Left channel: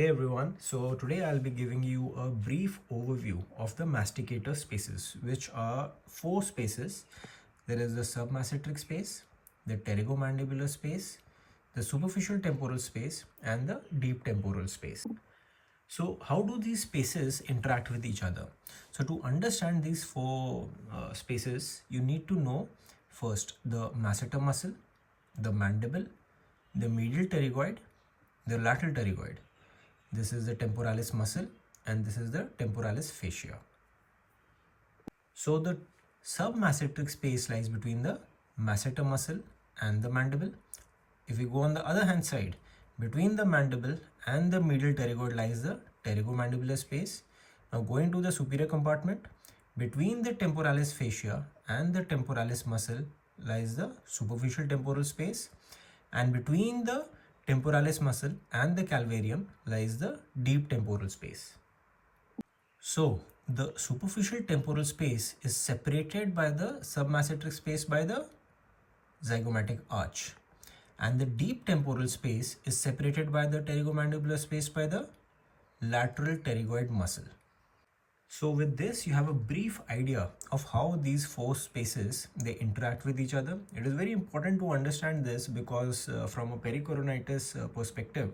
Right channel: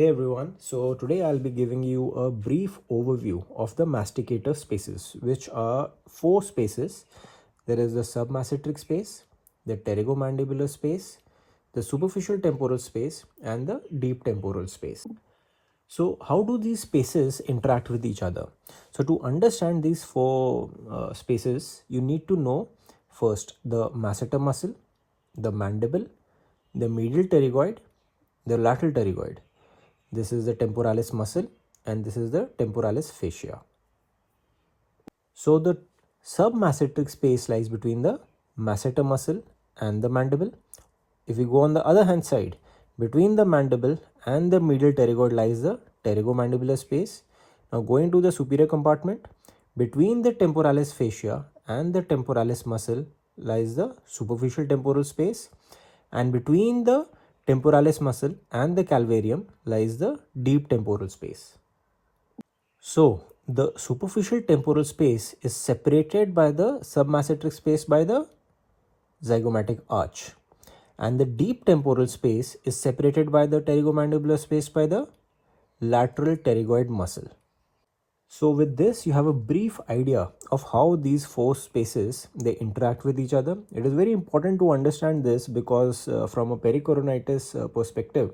Hey everyone, so today I'll be giving you a brief overview of the masticator spaces, which are four spaces. There is the submasseteric space, the pterygomandibular space, the superficial temporal space, and the deep temporal space. So how do these spaces interact with each other? So to understand these four spaces, you need to know first the masseter muscle, the mandible, the medial pterygoid, the lateral pterygoid. This is the temporalis muscle and this is the temporalis fascia. So the submasseteric space lies between the masseter muscle and the mandible. If we go on the other hand side, between the mandible and the medial pterygoid lies the pterygomandibular space. Now going to the superior compartment, between the temporalis fascia and the temporalis muscle lies the superficial temporal space, and between the temporalis muscle and the calvarium lies the deep temporal space. So the superficial temporal space is separated by the submasseteric space by the zygomatic arch, and the deep temporal space is separated by the pterygomandibular space by the lateral pterygoid muscle. So with this, you have a brief idea of how these four spaces they interact with each other. It is very important to understand this because from a pericoronitis perspective,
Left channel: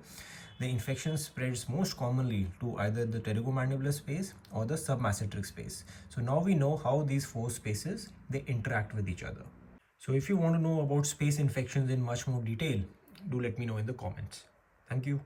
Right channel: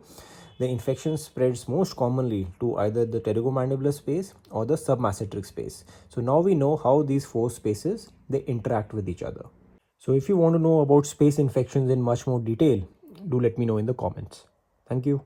the infection spreads most commonly to either the pterygomandibular space or the submasseteric space. So now we know how these four spaces they interact with each other. So if you want to know about space infections in much more detail, do let me know in the comments. Thank you.